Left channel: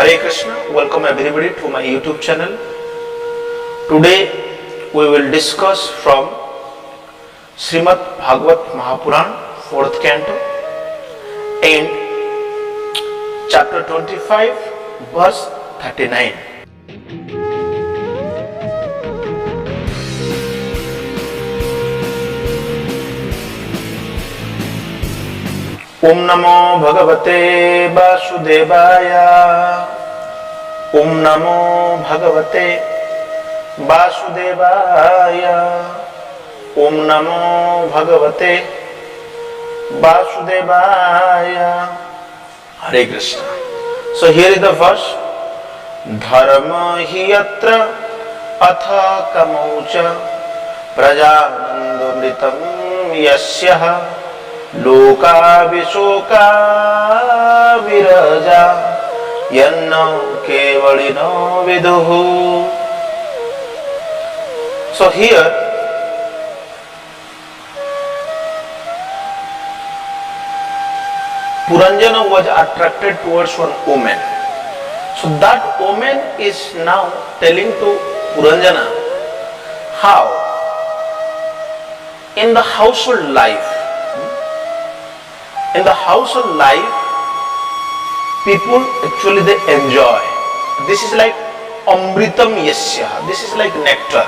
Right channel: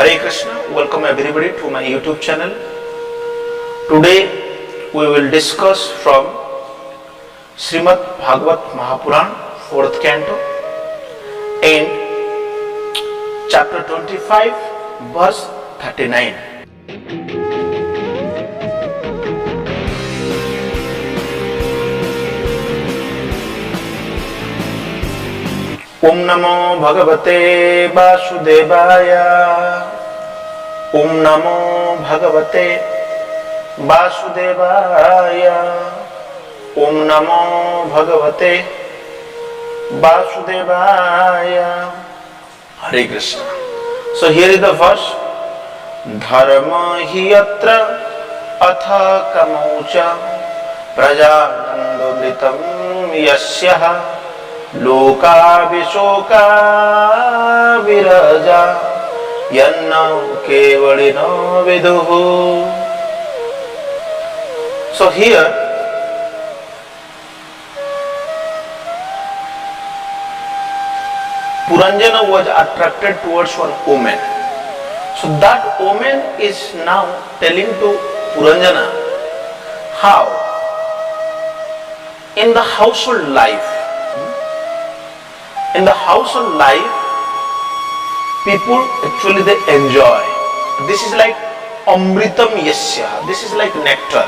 Hare Krishna, welcome everybody to my YouTube channel. Today we will discuss from Srimad Bhagavat Mahapuran, 4th canto, and chapter 25, verse 39. Om Namo Bhagavate Vasudevaya. Om Namo Bhagavate Vasudevaya. Om Namo Bhagavate Vasudevaya. Hare Krishna. So here is the verse. Dharma hi yatra atha kamaucha prajanandamritam yasya loka visoka viraja yanna kevalino viduhu. So here Puranjana was attracted towards one woman. So that woman is now telling to Puranjana how in the household life, people actually they enjoy. This is like amritam yasya. This is like nectar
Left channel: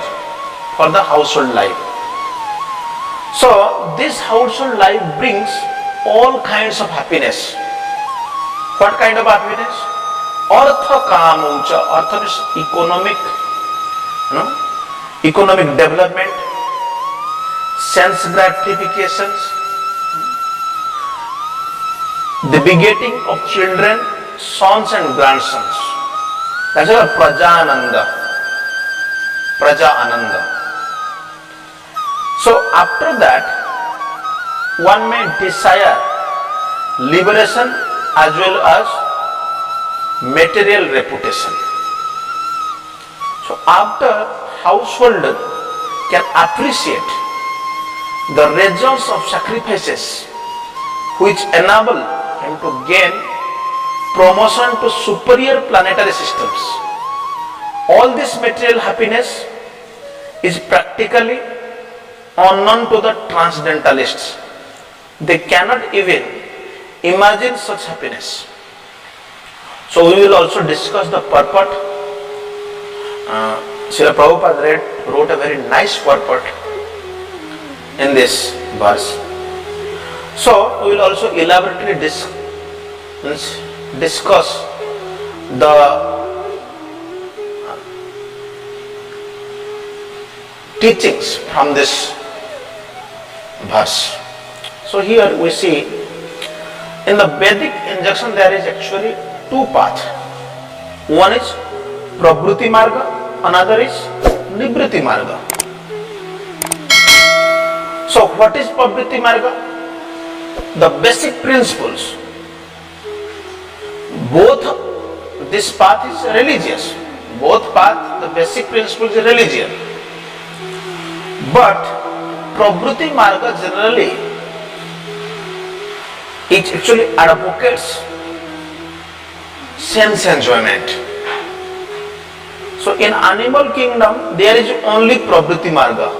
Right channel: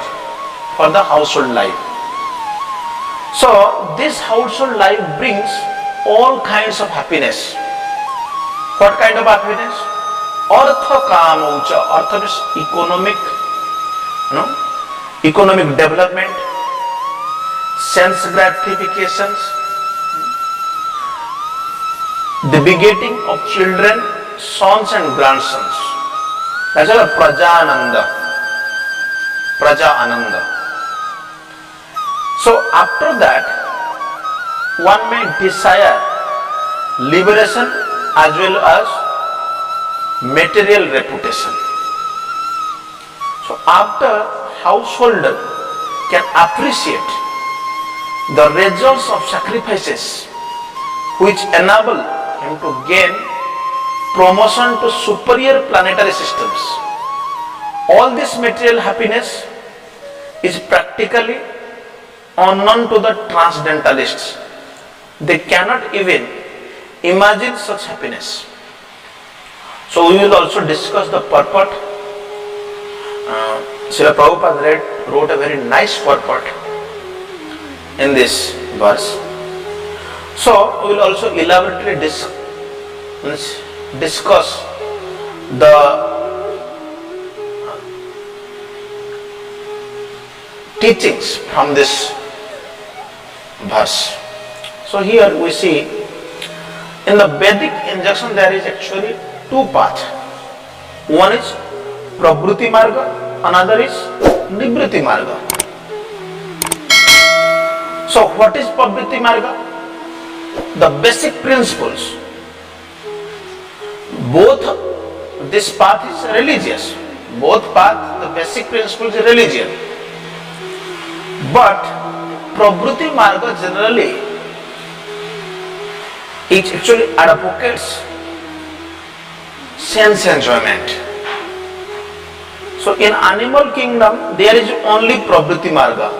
for the household life. So this household life brings all kinds of happiness. What kind of happiness? Artha kamucha. Artha means economic development, sense gratifications, the begetting of children, sons and grandsons. That's why Praja Ananda. So after that, one may desire liberation as well as material reputation. So after householder can appreciate the results of sacrifices which enable him to gain promotion to superior planetary systems, all this material happiness is practically unknown to the transcendentalists. They cannot even imagine such happiness. So we will also discuss the purport. Srila Prabhupada wrote a very nice purport in this verse. So we will also elaborately discuss the teachings from this verse. So here we see in the Vedic injunction there is actually two paths. One is Pravruti Marga, another is Nivritti Marga. So what is Pravruti Marga? The basic principles. Both this path is religious. Both path, the basic principles is religion. But Pravruti Marga generally it actually advocates sense enjoyment. So in animal kingdom there is only Pravruti Marga,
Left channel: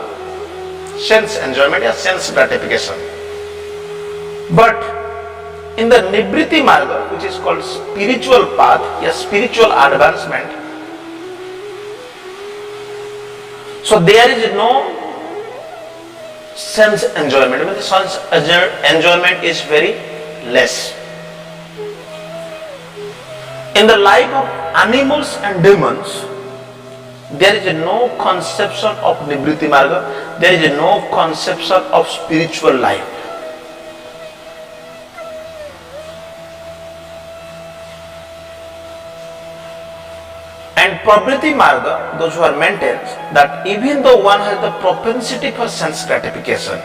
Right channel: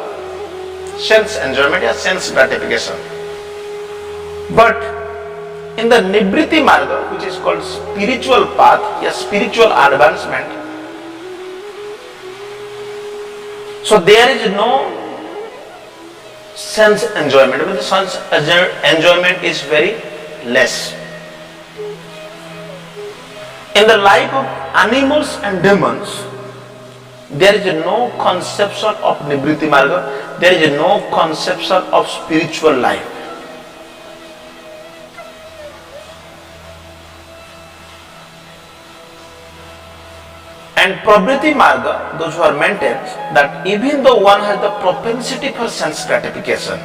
sense enjoyment or sense gratification. But in the Nivritti Marga, which is called spiritual path, a spiritual advancement, so there is no sense enjoyment. I mean, the sense enjoyment is very less. In the life of animals and demons, there is no conception of Nivritti Marga, there is no conception of spiritual life. And Pravruti Marga, those who are maintained that even though one has the propensity for sense gratification,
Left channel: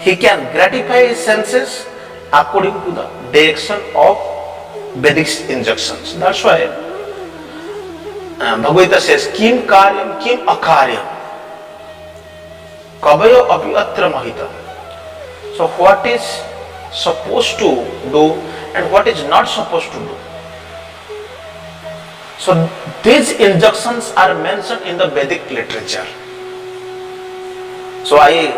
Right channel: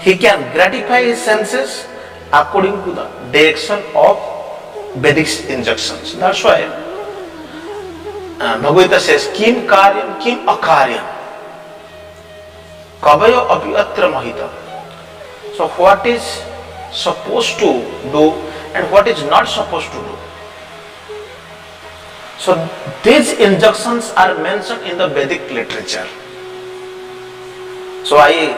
he can gratify his senses according to the direction of Vedic injunctions. That's why Bhagavad Gita says, Kim karyam, kim akaryam, kavayo api atra mahita. So what is supposed to do and what is not supposed to do. So these injunctions are mentioned in the Vedic literature. So I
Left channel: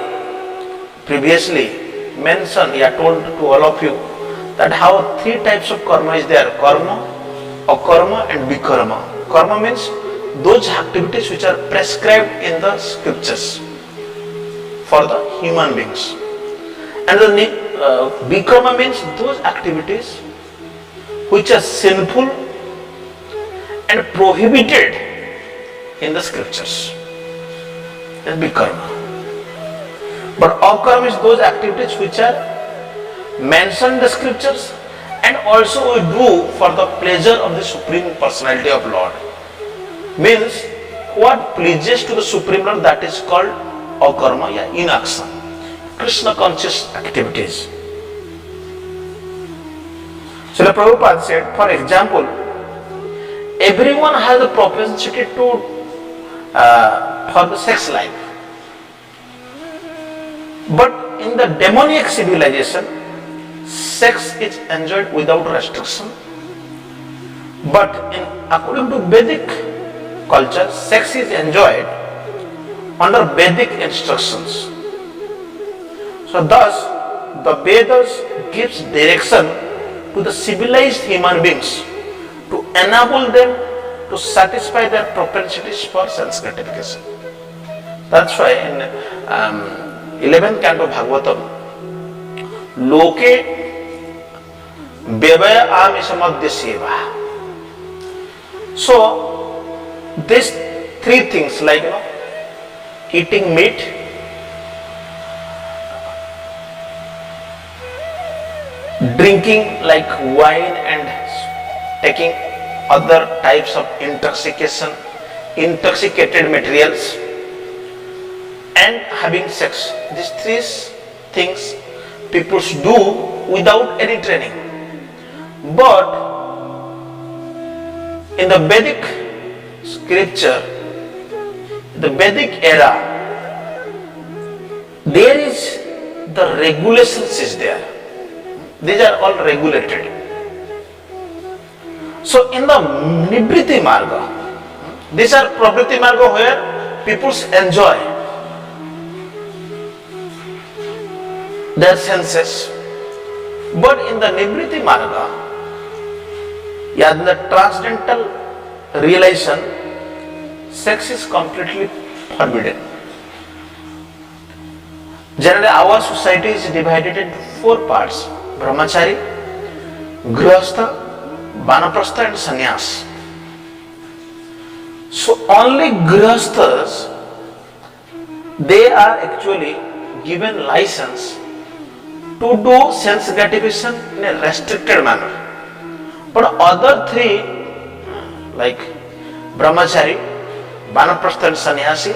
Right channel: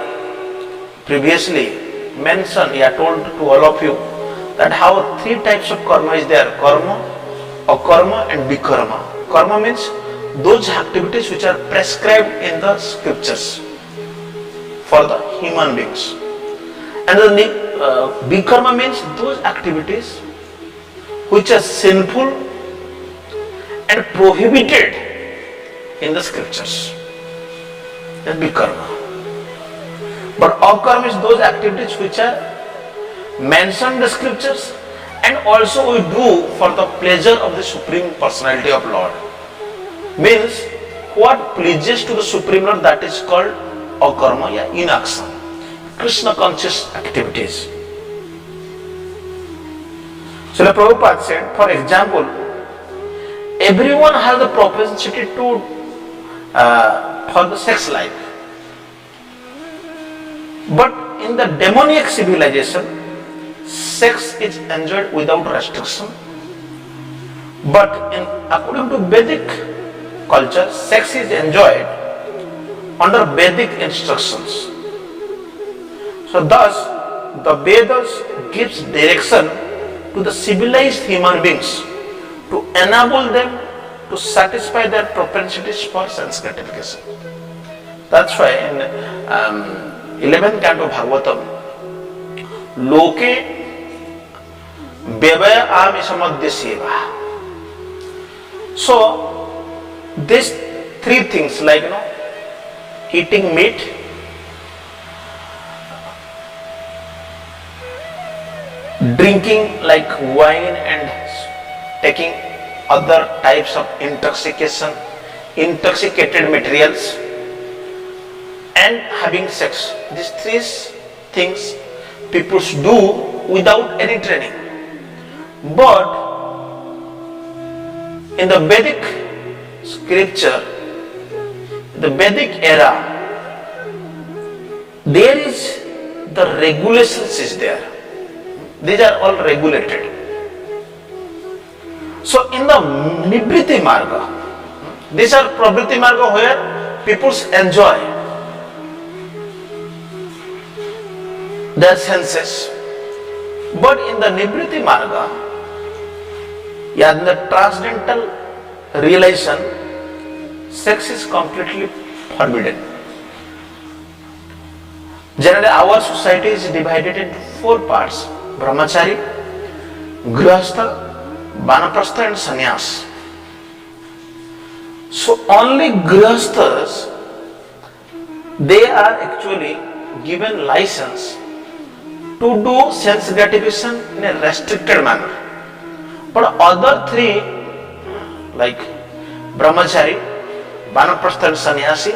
previously mentioned, told to all of you that how three types of karma is there: karma, akarma and vikarma. Karma means those activities which are prescribed in the scriptures for the human beings. And the vikarma means those activities which are sinful and prohibited in the scriptures. That is vikarma. But akarma is those activities which are mentioned in the scriptures and also we do for the pleasure of the Supreme Personality of Lord. Means what pleases to the Supreme Lord, that is called akarma, inaction, Krishna conscious activities. So the Prabhupada said, for example, everyone has the propensity to for the sex life. But in the demoniac civilization, sex is enjoyed without restriction. But according to Vedic culture, sex is enjoyed under Vedic instructions. So thus, the Vedas gives direction to the civilized human beings to enable them to satisfy their propensities for sense gratification. That's why in 11th canto Bhagavatam, Loke Bevaya Amishamadya Seva. So, these three things like eating meat, drinking like wine and taking other types of intoxicated materials, and having sex. These three things people do without any training. But in the Vedic scripture, the Vedic era, there is the regulations is there. These are all regulated. So in the Nibriti Marga, these are Pravriti Marga where people enjoy their senses. But in the Nibriti Marga, in the transcendental realization, sex is completely forbidden. Generally, our society is divided into four parts: Brahmachari, Grihastha, Vanaprastha and Sannyas. So only Grihasthas, they are actually given license to do sense gratification in a restricted manner. But other three, like Brahmachari, Vanaprastha and Sannyasi,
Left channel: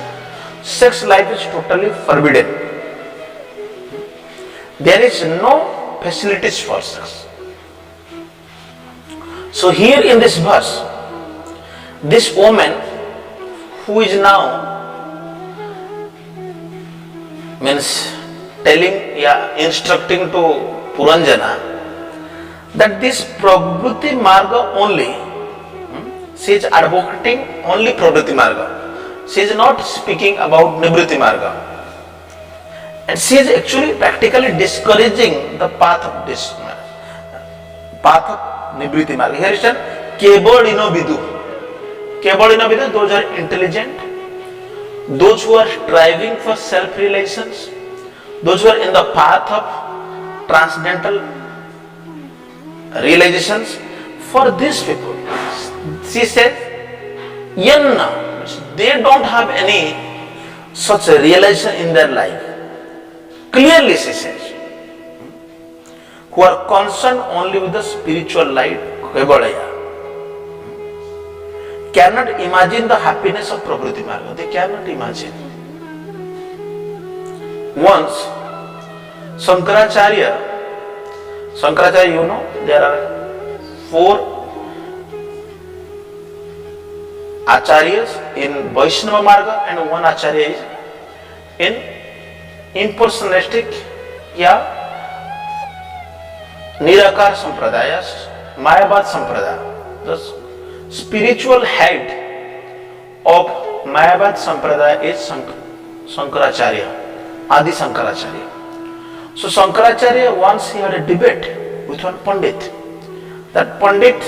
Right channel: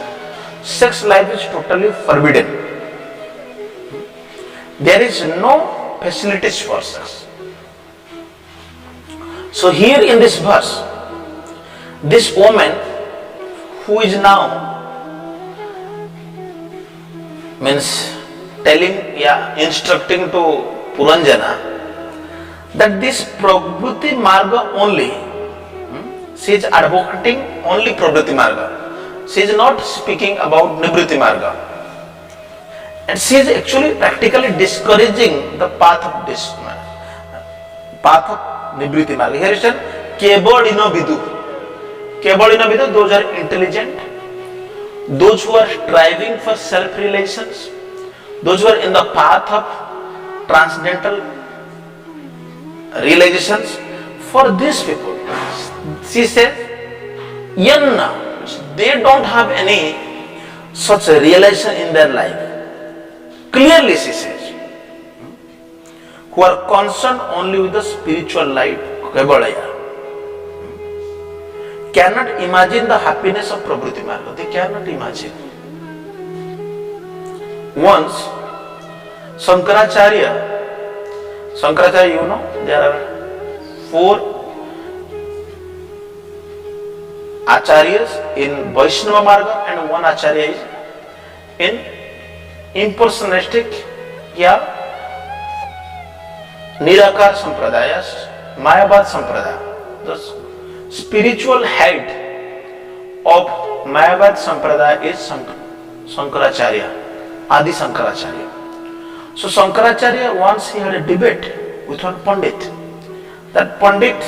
sex life is totally forbidden. There is no facilities for sex. So here in this verse, this woman who is now means telling, instructing to Puranjana that this Pravritti Marga only, she is advocating only Pravritti Marga. She is not speaking about Nibriti Marga. And she is actually practically discouraging the path of this path of Nibriti Marga. Here is written Kebalino Vidu. Kebalino Vidu, those are intelligent, those who are striving for self-realizations, those who are in the path of transcendental realizations. For these people, she says, Yanna, they don't have any such a realization in their life. Clearly she says, who are concerned only with the spiritual light, Kevalaya, cannot imagine the happiness of Pravritti Marga. They cannot imagine. Once, Shankaracharya, you know, there are 4 acharyas in Vaishnava Marga and 1 acharya is in impersonalistic Nirakar Sampradayas, Mayabad Sampradaya. spiritual head of Mayavad Sampradaya is Shankaracharya, Adi Shankaracharya. So Shankaracharya, once he had a debate with one Pandit. That Pandit,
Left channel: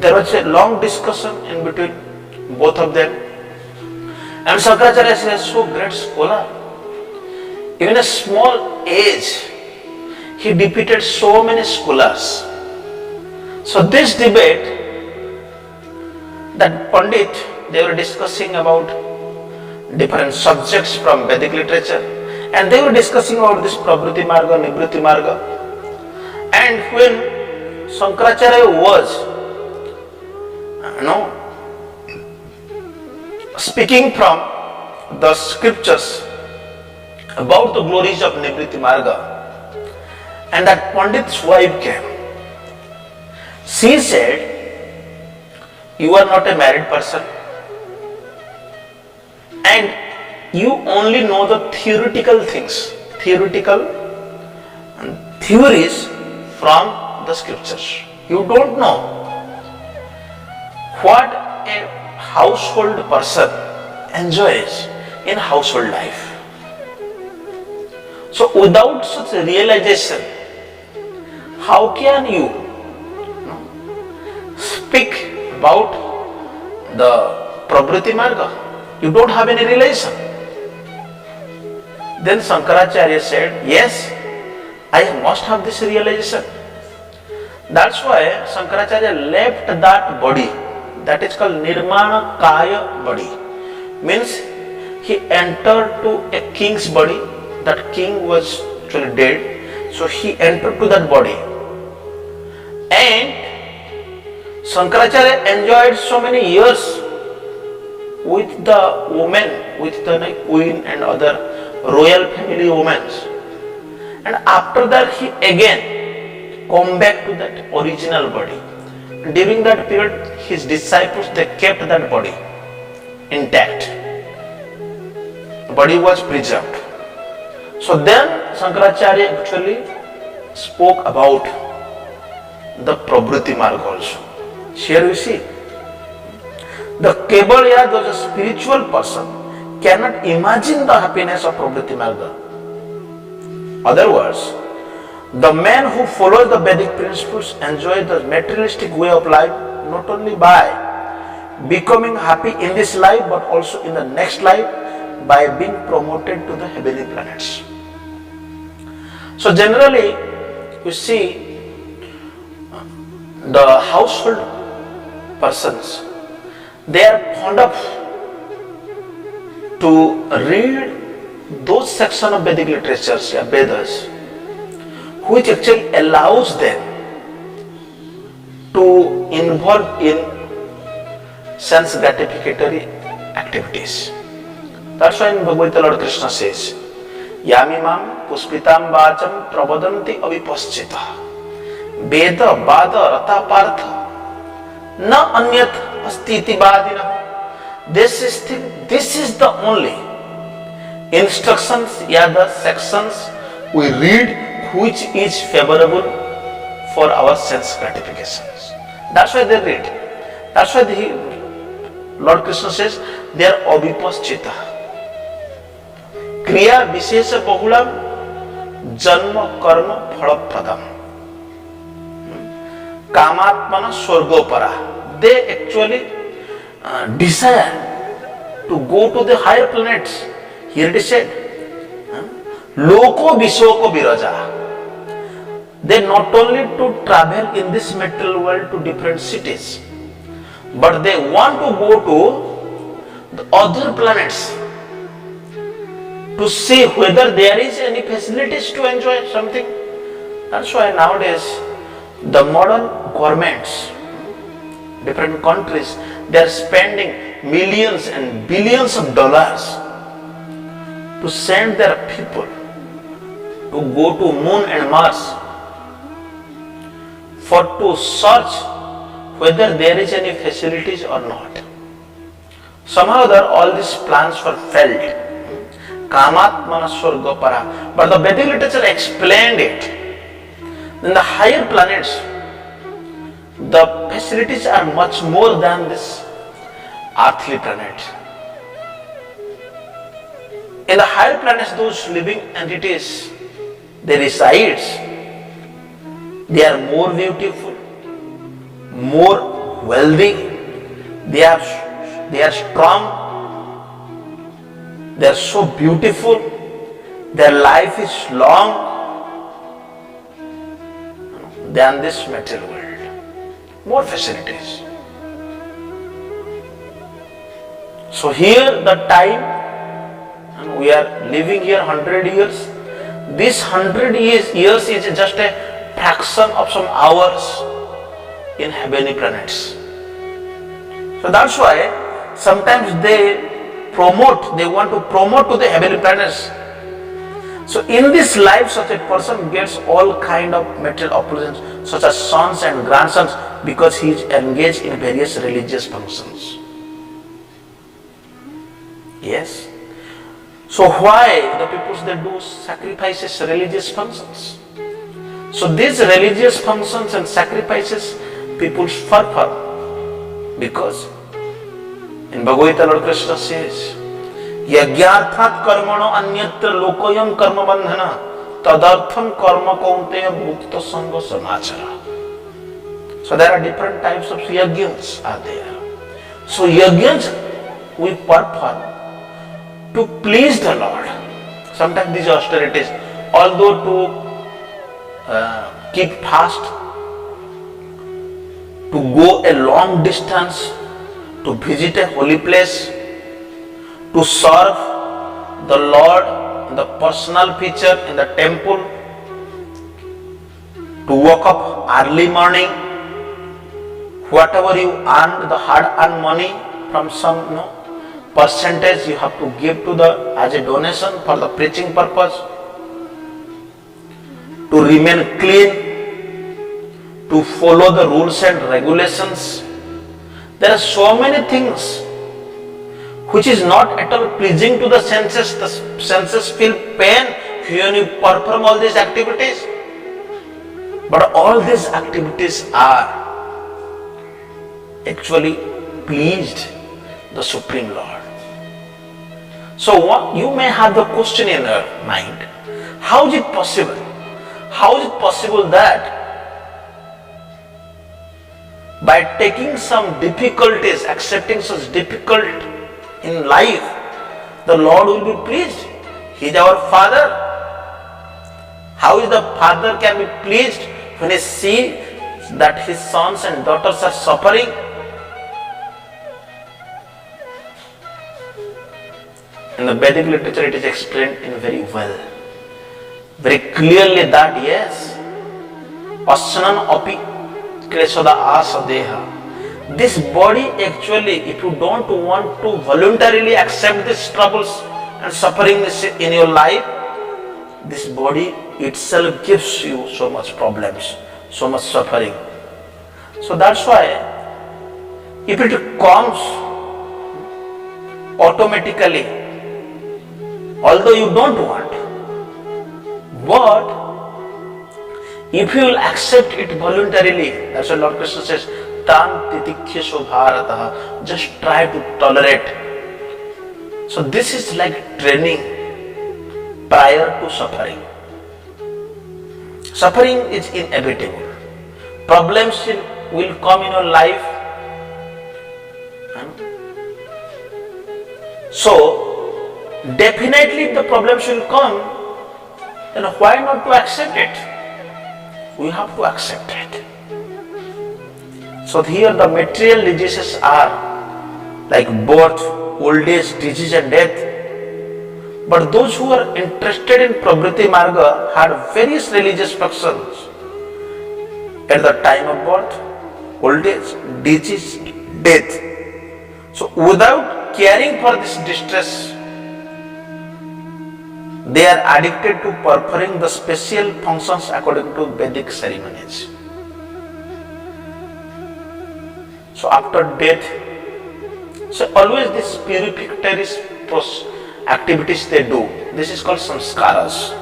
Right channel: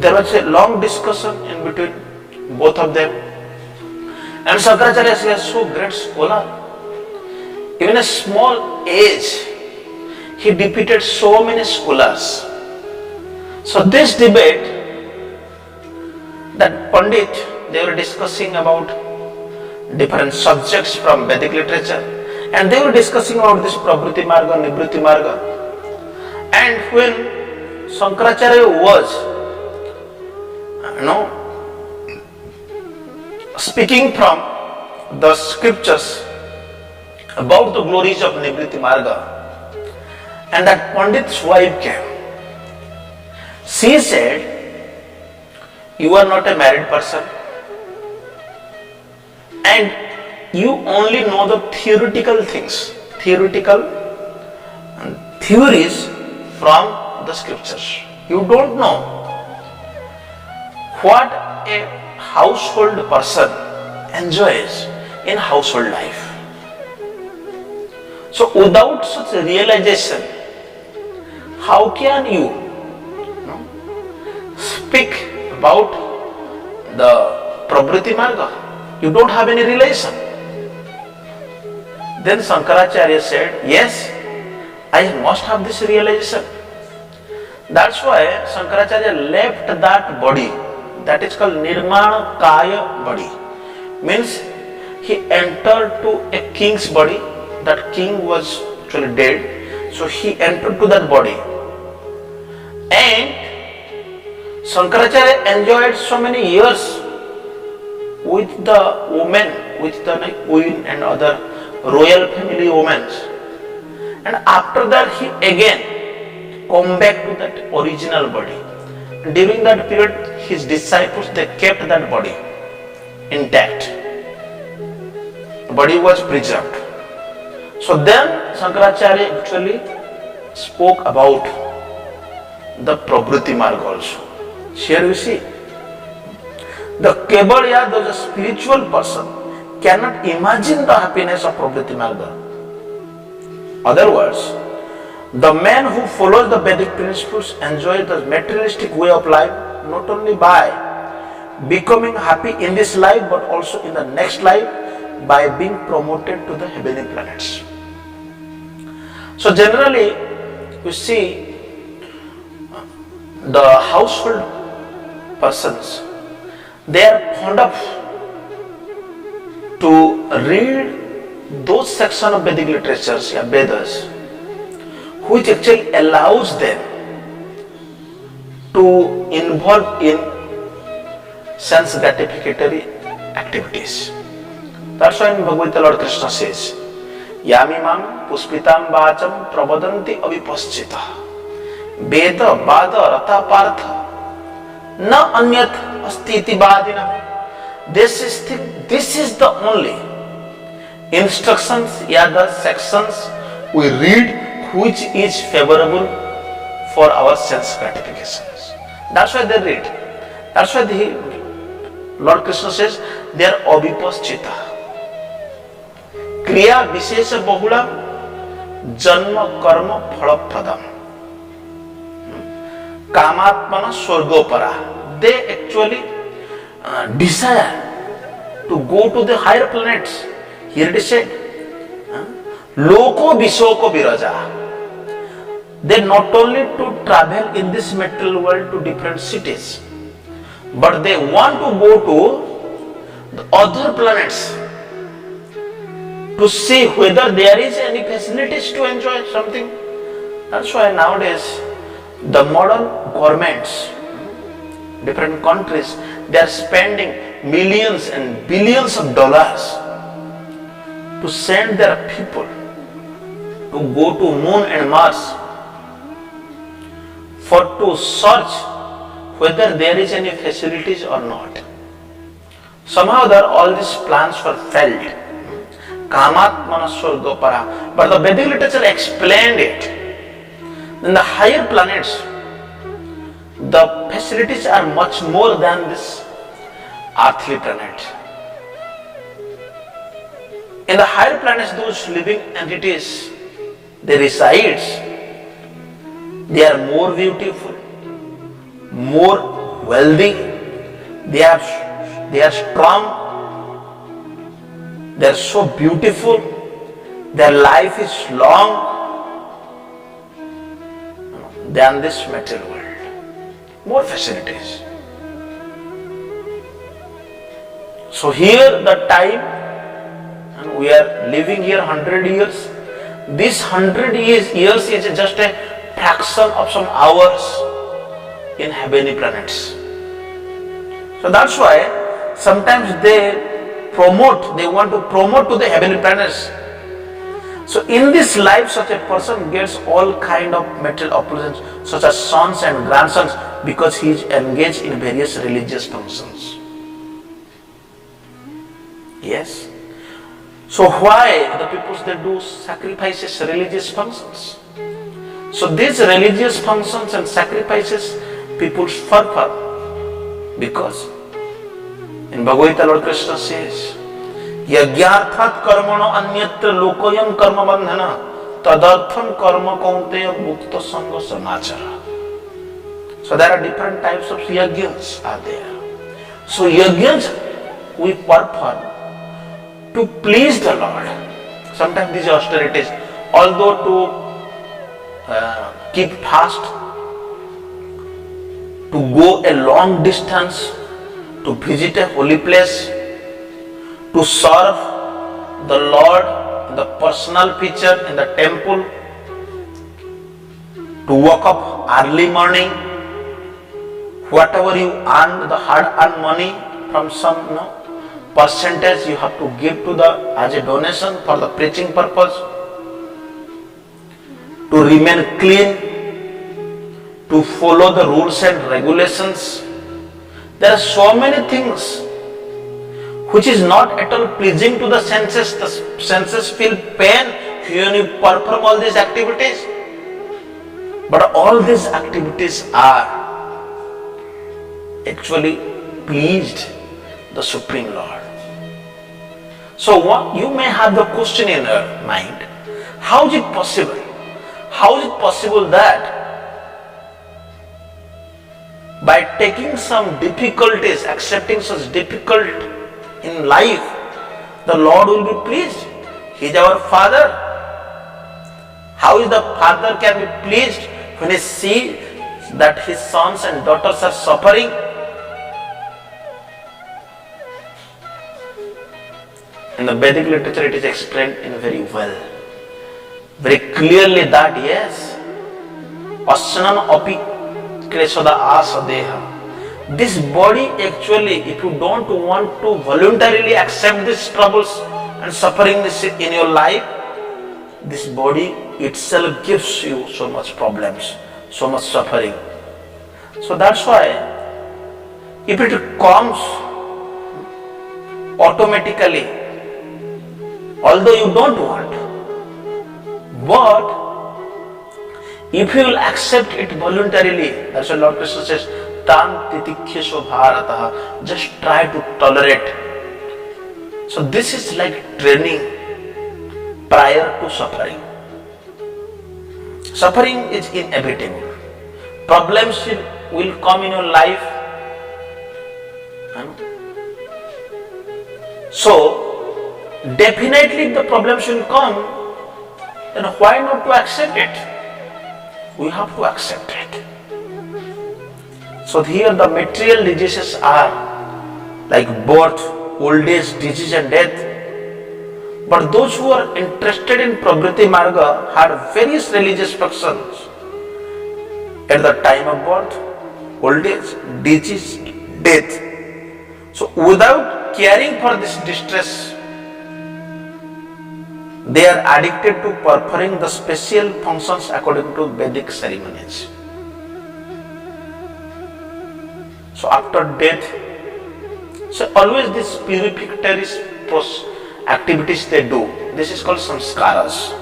there was a long discussion in between both of them. And Shankaracharya is a so great scholar. Even a small age, he defeated so many scholars. So this debate, that Pandit, they were discussing about different subjects from Vedic literature, and they were discussing about this Prabhuti Marga, Nivritti Marga. And when Shankaracharya was speaking from the scriptures about the glories of Nivritti Marga, and that Pandit's wife came. She said, "You are not a married person, and you only know the theoretical things, theoretical theories from the scriptures. You don't know what a household person enjoys in household life. So without such a realization, how can you speak about the Prabhuti Marga? You don't have any relation." Then Shankaracharya said, "Yes, I must have this realization." That's why Shankaracharya left that body, that is called Nirmana Kaya body. Means he entered to a king's body. That king was actually dead. So he entered to that body. And Shankaracharya enjoyed so many years with the women, with the queen and other royal family women. And after that he again come back to that original body. During that period, his disciples, they kept that body intact. The body was preserved. So then Shankaracharya actually spoke about the Prabhuti Marga also. Here you see, the Kebalya, the spiritual person, cannot imagine the happiness of Prabhuti Marga. Other words, the man who follows the Vedic principles enjoys the materialistic way of life not only by becoming happy in this life but also in the next life by being promoted to the heavenly planets. So generally, you see, the household persons, they are fond of to read those sections of Vedic literatures, Vedas, which actually allows them to involve in sense gratificatory activities. That's why in Bhagavad Gita Lord Krishna says, "Yamimam puspitam vacham pravadanti avipaschita veda vada rata partha na anyat astiti vadina." This is the only instructions, the sections we read which is favorable for our sense gratifications. That's why they read. That's why Lord Krishna says they are avipaschita. Kriya vishesha bahulam janma karma phalapradam. Kamatmana swargopara. They actually desire to go to the higher planets. Here it is said, Loko Vishoko Viraja. They not only to travel in this material world to different cities, but they want to go to the other planets to see whether there is any facilities to enjoy something. That's why nowadays the modern governments, different countries, they are spending millions and billions of dollars to send their people to go to Moon and Mars for to search whether there is any facilities or not. Somehow all these plans were failed. Kamatmana Swargopara. But the Vedic literature explained it. In the higher planets, the facilities are much more than this earthly planet. In the higher planets, those living entities, they reside. They are more beautiful, more wealthy, they are strong, they are so beautiful, their life is long than this material world. More facilities. So here the time, and we are living here 100 years. This 100 years is just a fraction of some hours in heavenly planets. So that's why sometimes they want to promote to the heavenly planets. So in this life, such a person gets all kind of material opulence, such as sons and grandsons, because he is engaged in various religious functions. Yes. So why the people, they do sacrifices, religious functions? So these religious functions and sacrifices, people suffer because in Bhagavad Gita, Lord Krishna says, Yagyarthat karmano anyatra lokoyam karma bandhana tadartham karma kaunteya mukta sangha samachara. So there are different types of yajnas are there. So yajnas we perform to please the Lord. Sometimes these austerities, although to keep fast, to go a long distance, to visit a holy place, to serve the Lord in the personal feature in the temple, to wake up early morning, whatever you earn, the hard-earned money from some percentage you have to give to as a donation for the preaching purpose, to remain clean, to follow the rules and regulations. There are so many things which is not at all pleasing to the senses. The senses feel pain when you perform all these activities. But all these activities are actually pleased the Supreme Lord. So you may have the question in your mind, how is it possible? How is it possible that by taking some difficulties, accepting such difficult in life, the Lord will be pleased? He is our Father. How is the Father can be pleased when he sees that his sons and daughters are suffering? In the Vedic literature it is explained in very well, very clearly that yes, Asnan api kleshada asadeha. This body actually, if you don't want to voluntarily accept these troubles and suffering in your life, this body itself gives you so much problems, so much suffering. So that's why if it comes automatically, although you don't want, but if you will accept it voluntarily, that's why Lord Krishna says, Tan titikshesu bharataha, just try to tolerate. So this is like training prior to suffering. Suffering is inevitable. Problems will come in your life. So definitely if the problems will come, then why not to accept it? We have to accept it. So here the material diseases are like birth, old age, disease and death. But those who are interested in Pravriti Marga had various religious functions at the time of birth, old age, disease, death. So without caring for this distress, they are addicted to performing the special functions according to Vedic ceremonies. So after death, so always these purificatory activities they do. This is called samskaras.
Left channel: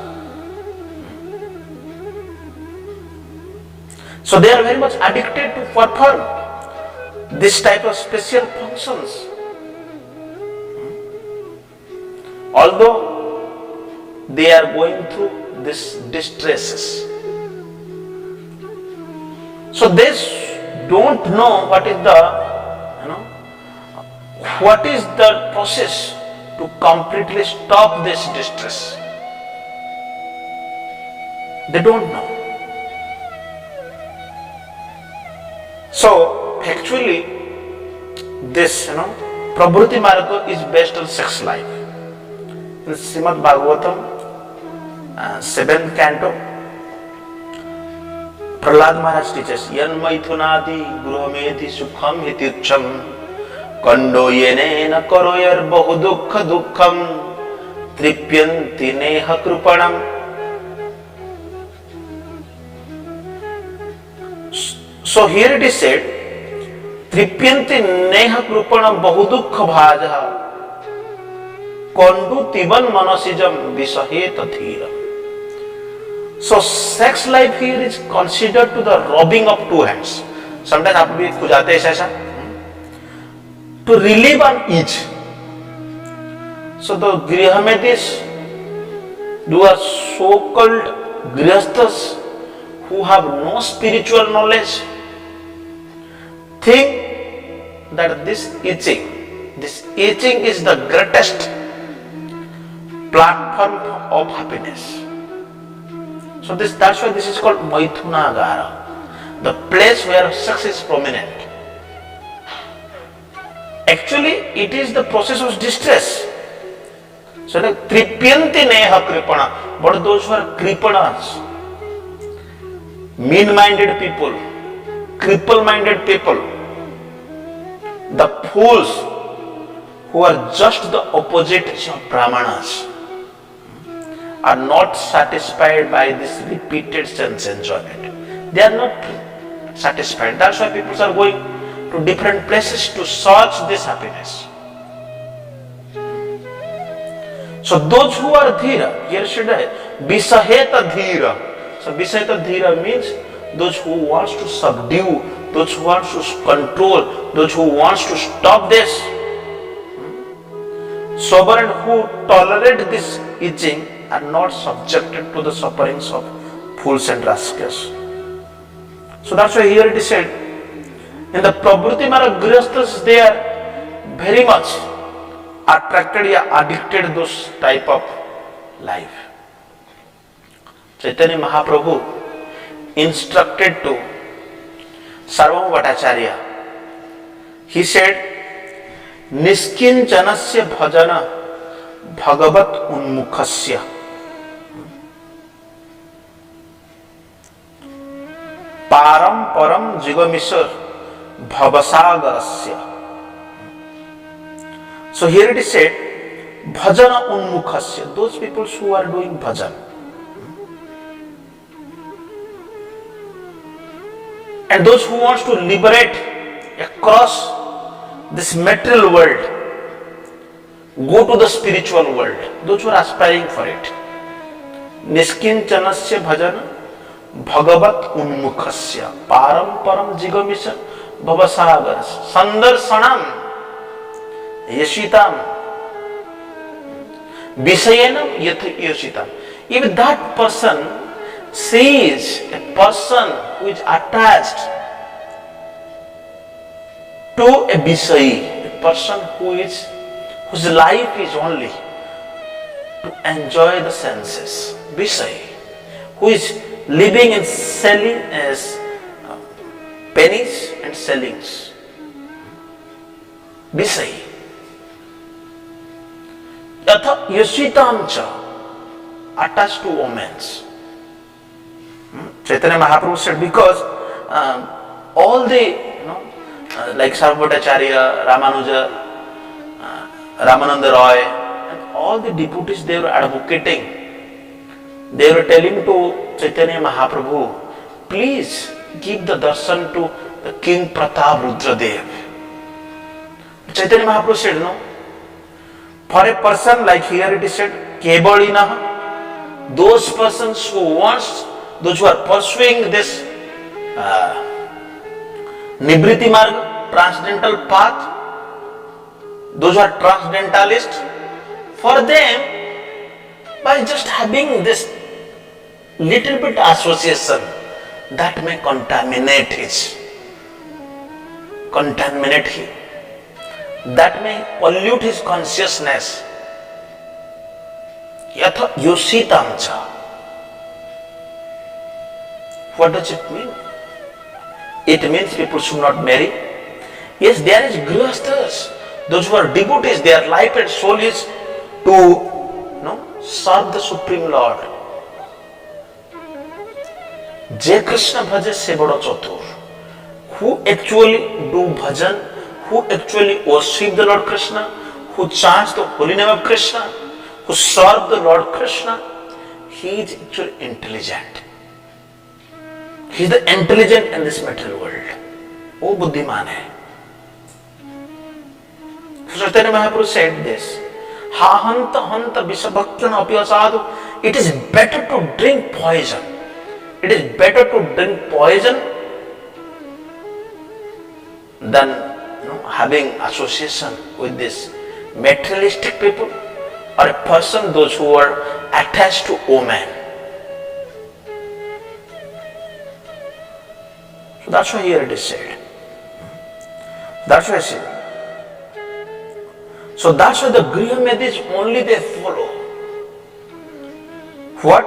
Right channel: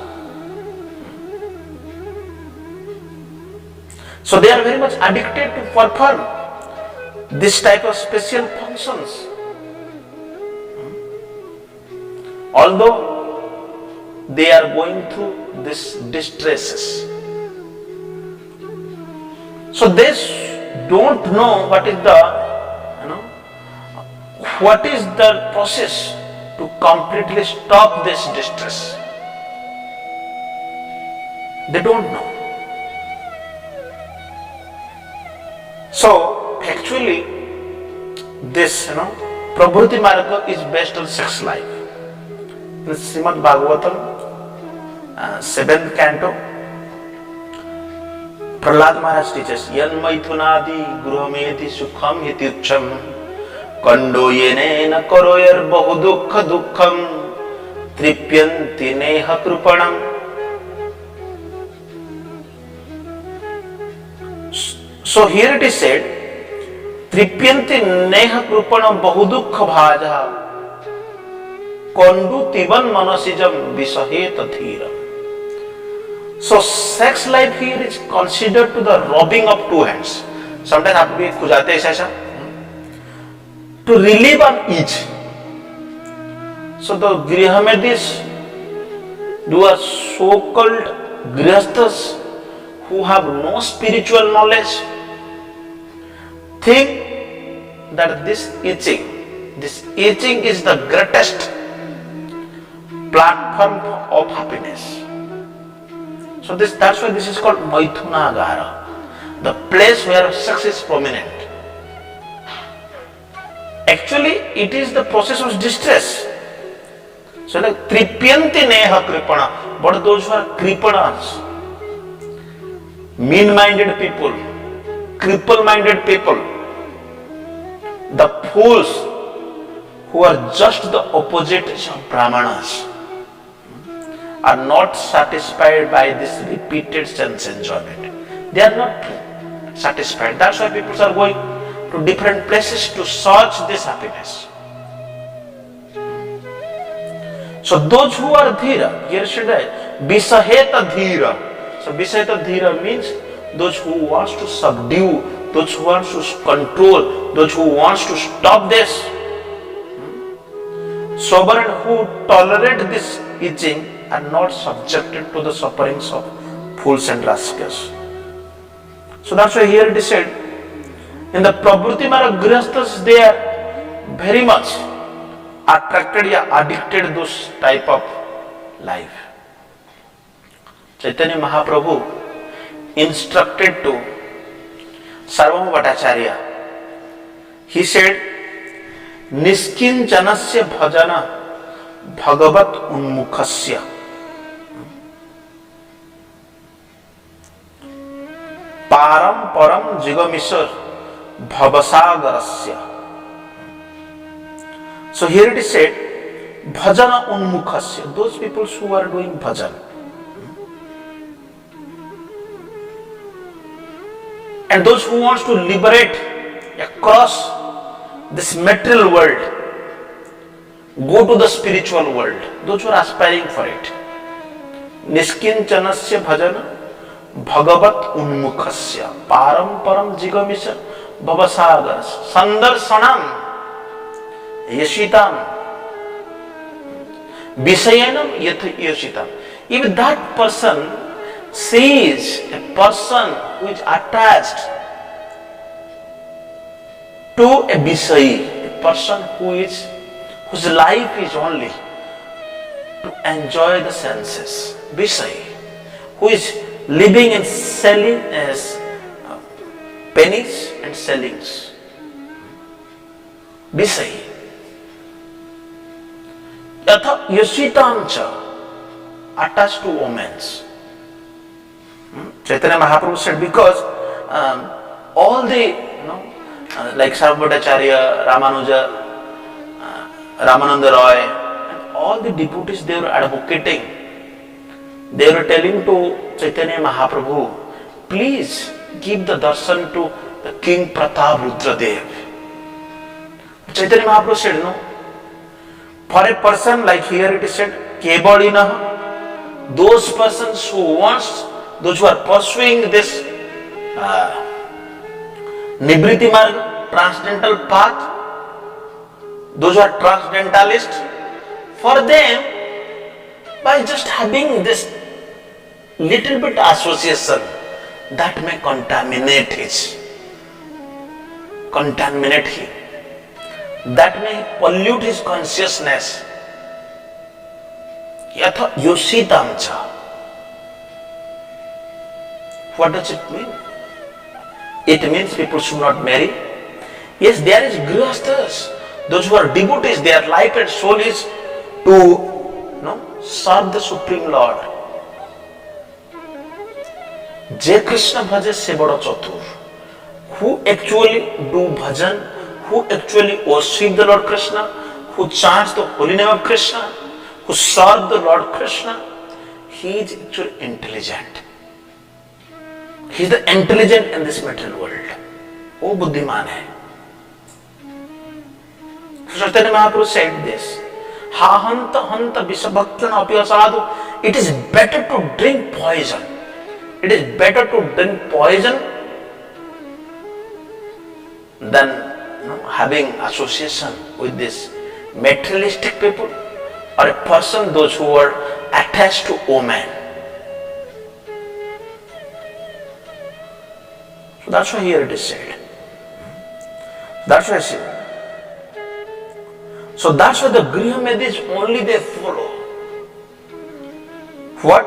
So they are very much addicted to perform this type of special functions. Although they are going through these distresses. So they don't know what is the process to completely stop this distress. They don't know. So actually this Prabhuti Marga is based on sex life. In Srimad Bhagavatam 7th canto, Prahlad Maharaj teaches yan maithunadi gruhamedhi sukham hityucham kando yenena karoyar bahu dukkha dukkham tripyanti neha krupanam. So here it is said, tripyanti neha krupanam bahu dukkha bhaja kondu tiban manasijam visaheta dhira. So sex life here is considered to the rubbing of two hands. Sometimes आप भी खुजाते हैं ऐसा to relieve on each. So the Grihamedis, who are so-called Grihasthas who have no spiritual knowledge, think that this itching is the greatest platform of happiness. So that's why this is called Maithunagara, the place where sex is prominent. Actually, it is the process of distress. So like tripyanti neha kripana, but those who are kripanas, mean-minded people, cripple-minded people, the fools who are just the opposite of Brahmanas, are not satisfied by this repeated sense enjoyment. They are not satisfied. That's why people are going to different places to search this happiness. So those who are dhira, here should I, visaheta dhira. So visaheta dhira means those who wants to subdue, those who wants to control, those who wants to stop this. Sober and who tolerate this itching are not subjected to the sufferings of fools and rascals. So that's why here it is said, in the Prabhuti Marga Grihasthas, they are very much attracted or addicted to those type of life. Chaitanya Mahaprabhu instructed to Sarvabhauma Bhattacharya. He said, Niskinjanasya bhajana bhagavat unmukhasya param param jigamisar bhavasagarasya. So here it is said, bhajana unmukhasya, those people who are doing bhajan. And those who wants to liberate across this material world, go to the spiritual world, those who are aspiring for it. Niskincanasya bhajana bhagavat unmukhasya param param jigamisha bhavasagaras sandarsanam yashitam visayanam yath yashitam. If that person sees a person who is attached to a Visayi, a person whose life is only to enjoy the senses, Visayi, who is living in selling as pennies and sellings, Visayi. Yatha yasitam cha, attached to omens. Chaitanya Mahaprabhu said, because all the, like Sarvabhauma Bhattacharya, Ramanuja, Ramananda Roy, and all the devotees, they were advocating, they were telling to Chaitanya Mahaprabhu, please give the darshan to the King Pratap Rudradev. Chaitanya Mahaprabhu said, no, for a person like here it is said, Kebalinaha, those persons who wants, those who are pursuing this Nibriti Marga, transcendental path, those who are transcendentalists, for them, by just having this little bit association, that may contaminate him, that may pollute his consciousness. Yatha Yoshitamcha. What does it mean? It means people should not marry. Yes, there is grihasthas, those who are devotees, their life and soul is to serve the Supreme Lord. Je Krishna bhaje se bada chatur. Who actually do bhajan, who actually worship the Lord Krishna, who chants the holy name of Krishna, who serve the Lord Krishna, he is actually intelligent. He is the intelligent in this material world. वो बुद्धिमान है. Chaitanya Mahaprabhu said this. Ha hanta hanta visabhakyana api asadu. It is better to drink poison. It is better to drink poison than having association with this materialistic people or a person, those who are attached to women. So that's why here it is said. That's why I say. So that's why the Griha Medis only they follow. What?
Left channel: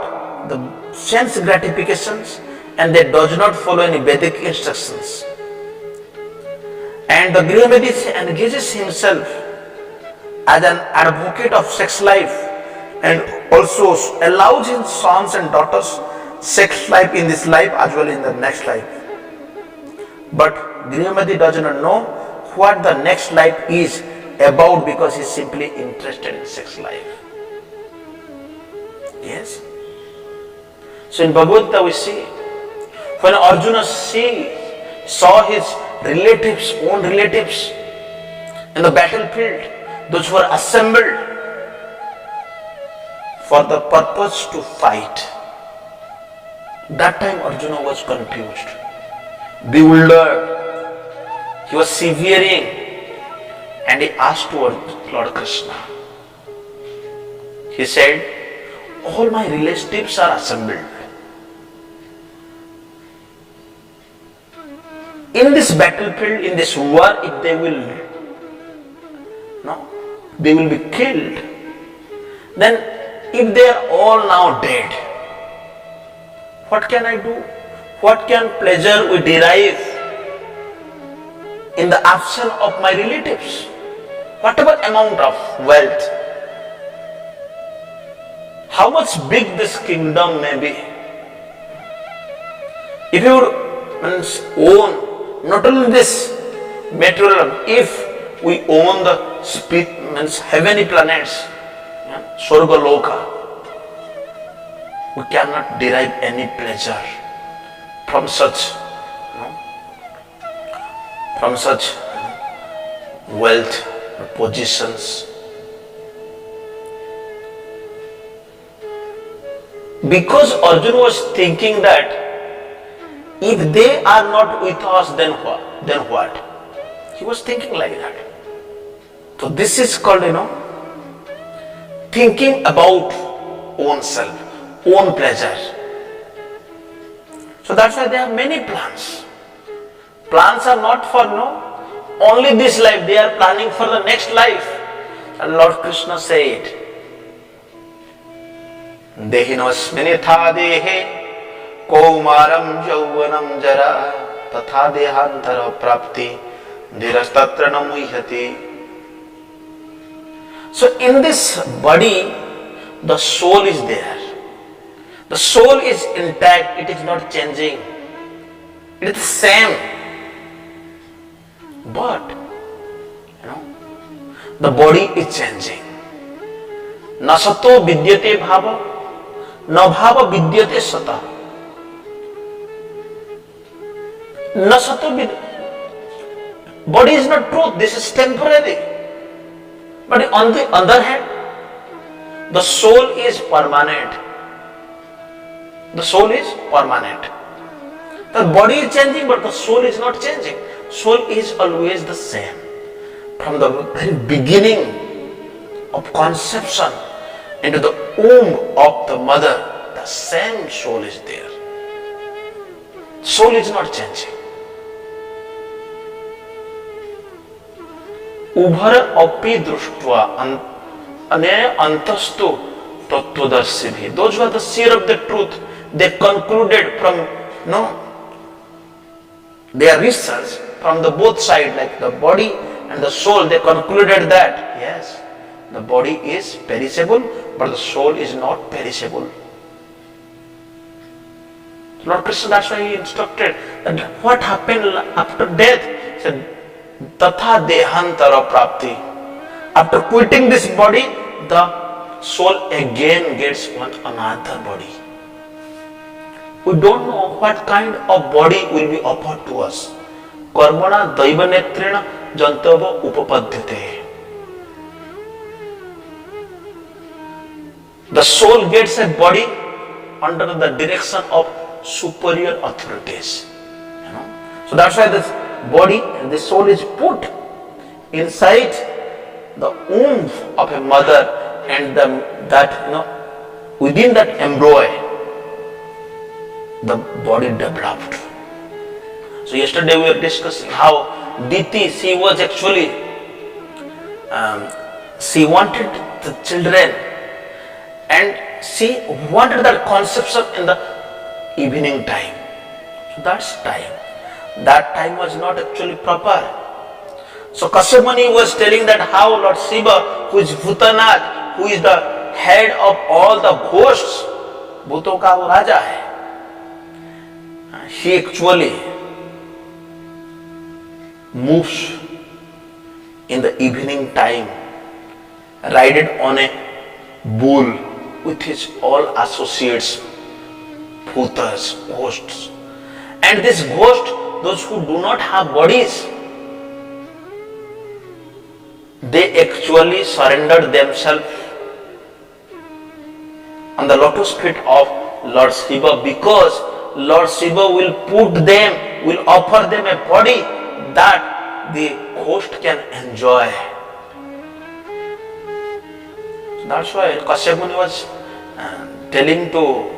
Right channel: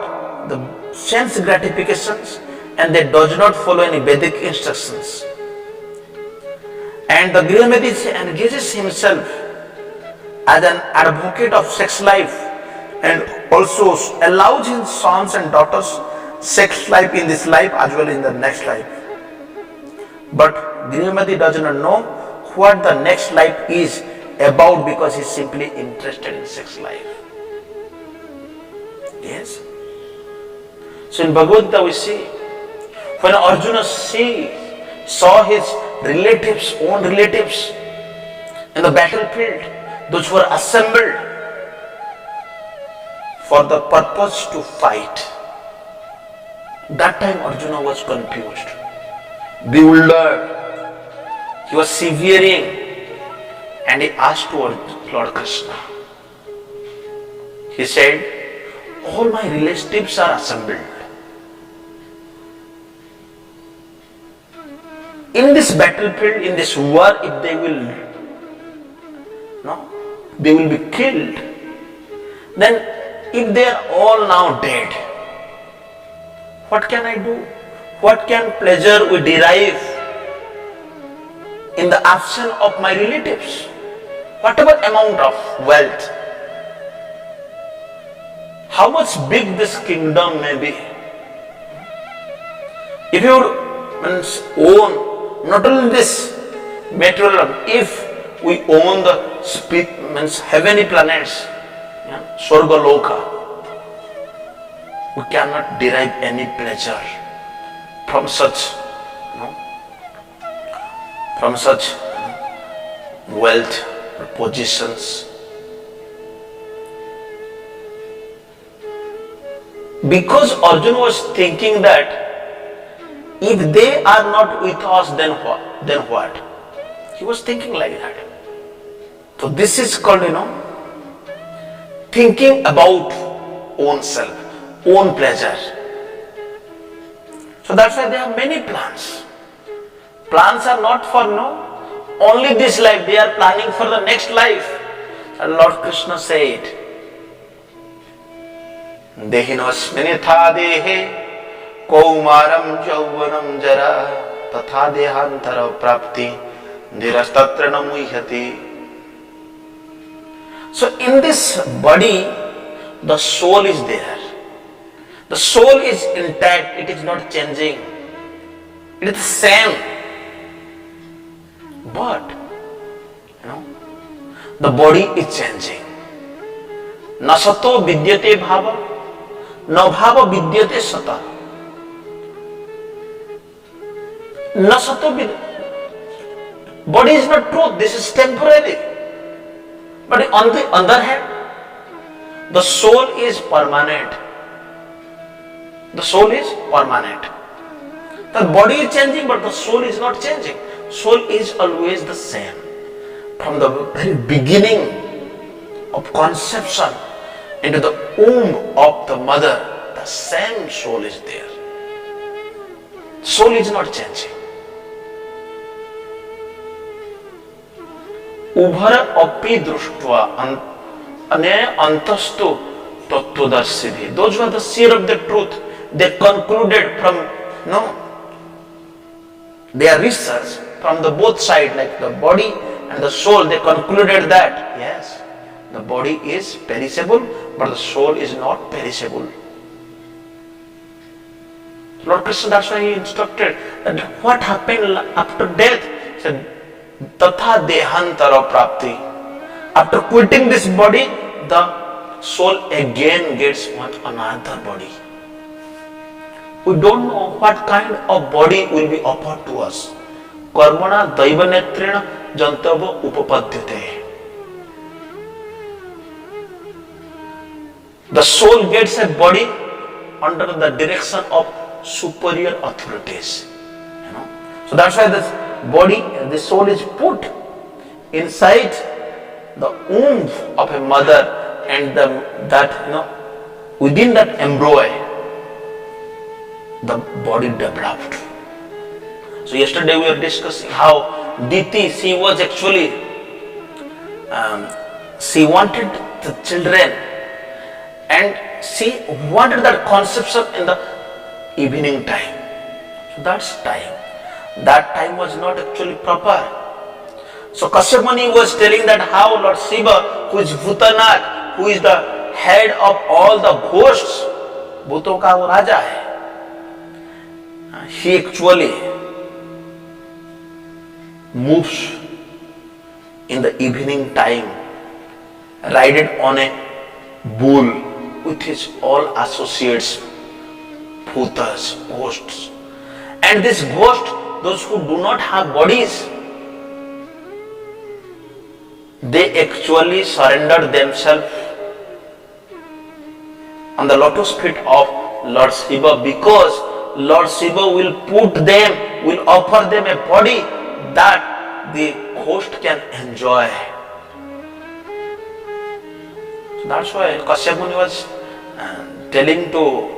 The sense gratifications, and they does not follow any Vedic instructions. And the Griha Medis engages himself as an advocate of sex life and also allows his sons and daughters sex life in this life as well in the next life. But Grihamati does not know what the next life is about because he is simply interested in sex life. Yes? So in Bhagavad Gita we see, when Arjuna saw his relatives, own relatives in the battlefield, those who were assembled for the purpose to fight. That time Arjuna was confused, bewildered. He was severing, and he asked to Lord Krishna. He said, all my relatives are assembled. In this battlefield, in this war, if they will be killed. Then if they are all now dead, what can I do? What can pleasure we derive in the absence of my relatives? Whatever amount of wealth, how much big this kingdom may be, if you own not only this material, if we own the heavenly planets, Swarga Loka, we cannot derive any pleasure from such wealth, positions. Because Arjuna was thinking that if they are not with us, then what? He was thinking like that. So this is called, thinking about own self, own pleasure. So that's why there are many plans. Plans are not for only this life, they are planning for the next life. And Lord Krishna said, Dehinosminitha dehe kaumaram jauvanam jara tatha dehantara prapti dhirastatra namuhyati. So in this body, the soul is there. The soul is intact, it is not changing. It is the same. But, the body is changing. Na sato vidyate bhava, na bhava vidyate sata. Na sato body is not truth, this is temporary. But on the other hand, the soul is permanent. The soul is permanent. The body is changing, but the soul is not changing. Soul is always the same. From the very beginning of conception into the womb of the mother, the same soul is there. Soul is not changing. उभर अपि दृष्ट्वा अने अंतस्तु तत्वदर्शी भी. Those who are the seer of the truth, they concluded from their research from the both side, like the body and the soul, they concluded that yes, the body is perishable, but the soul is not perishable. Lord Krishna, that's why he instructed that what happened after death. He said, Tatha dehantara prapti. After quitting this body, the soul again gets one another body. We don't know what kind of body will be offered to us. Karmana daiva netrena jantava upapadyate. The soul gets a body under the direction of superior authorities. So that's why this body, the soul is put inside the womb of a mother, and within that embryo the body developed. So yesterday we were discussing how Diti, she was actually she wanted the children, and she wanted that conception in the evening time. So that time was not actually proper. So Kashyap Muni was telling that how Lord Shiva, who is Bhutanath, who is the head of all the ghosts, भूतों का वो राजा है, he actually moves in the evening time, riding on a bull with his all associates, bhutas, ghosts. And this ghost, those who do not have bodies, they actually surrender themselves on the lotus feet of Lord Shiva, because Lord Shiva will offer them a body that the ghost can enjoy. So that's why Kashyap Muni was telling to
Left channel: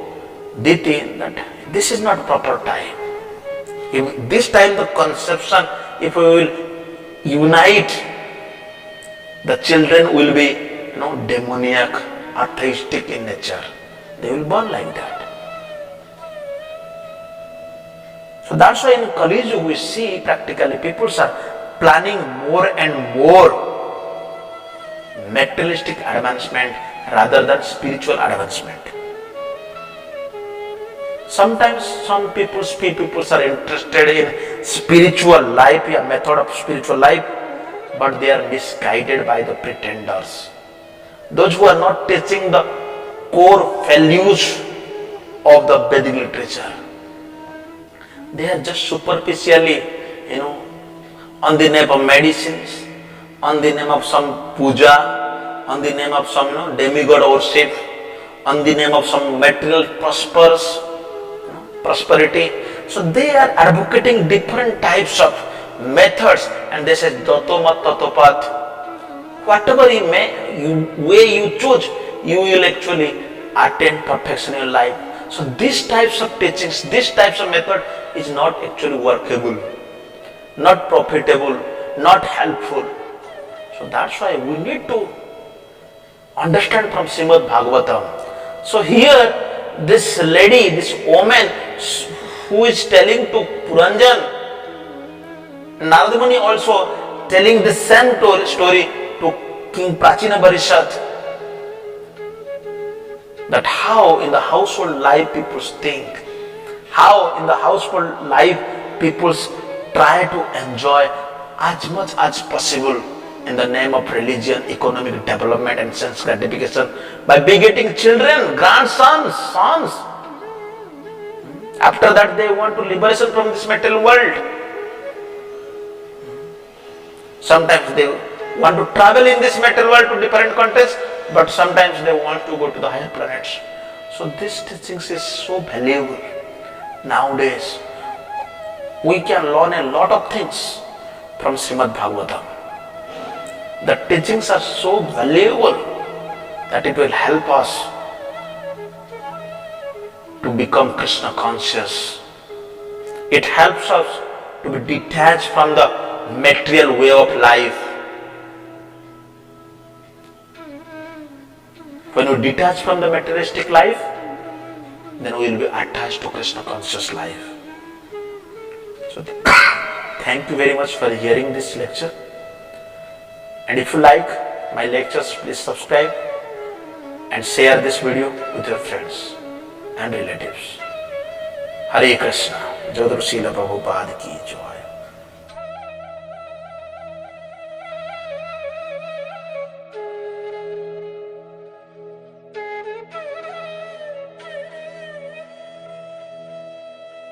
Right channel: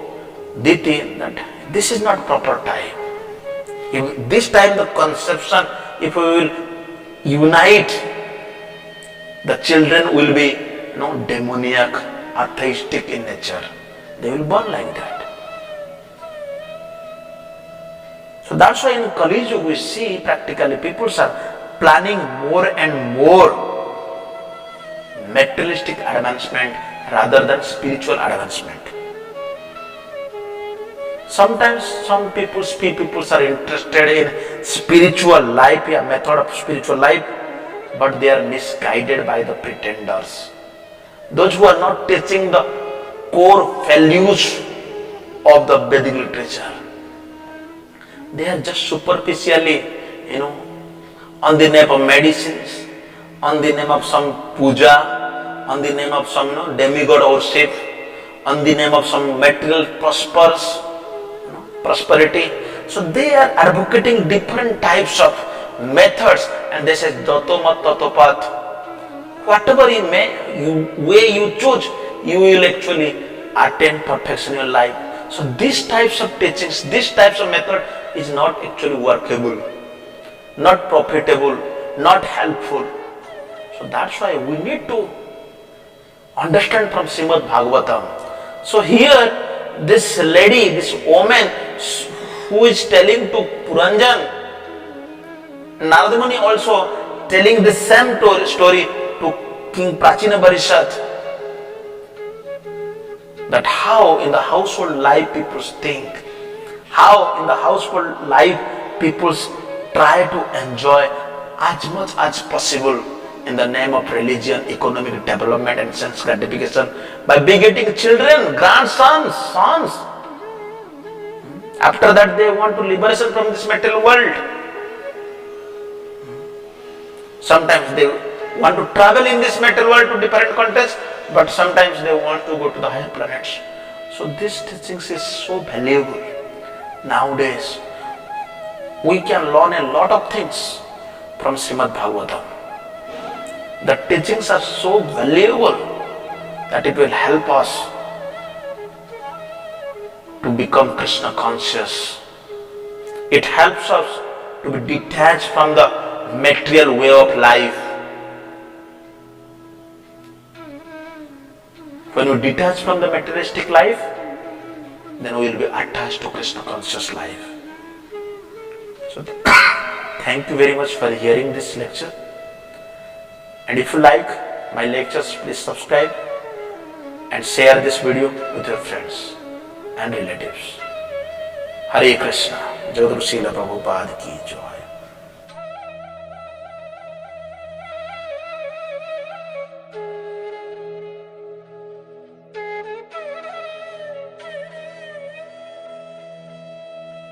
Diti that this is not proper time. If this time the conception, if we will unite, the children will be demoniac, atheistic in nature. They will born like that. So that's why in Kali Yuga we see practically people are planning more and more materialistic advancement rather than spiritual advancement. Sometimes some people are interested in spiritual life, method of spiritual life, but they are misguided by the pretenders. Those who are not teaching the core values of the Vedic literature. They are just superficially, on the name of medicines, on the name of some puja, on the name of some demigod worship, on the name of some material prosperity. So they are advocating different types of methods, and they say Dato Mat Tatopat. Whatever way you choose, you will actually attain perfection in your life. So these types of teachings, these types of method is not actually workable, not profitable, not helpful. So that's why we need to understand from Srimad Bhagavatam. So here this lady, this woman who is telling to Puranjan, Narada Muni also telling the same story to King Prachina Barishat, that how in the household life people think, how in the household life people try to enjoy as much as possible in the name of religion, economic development and sense gratification by begetting children, grandsons, sons. After that they want to liberation from this material world. Sometimes they want to travel in this material world to different countries, but sometimes they want to go to the higher planets. So this teachings is so valuable. Nowadays, we can learn a lot of things from Srimad Bhagavatam. The teachings are so valuable that it will help us to become Krishna conscious. It helps us to be detached from the material way of life. When we detach from the materialistic life, then we will be attached to Krishna conscious life. So thank you very much for hearing this lecture. And if you like my lectures, please subscribe and share this video with your friends and relatives. Hare Krishna. Jagadguru Srila Prabhupada ki jai.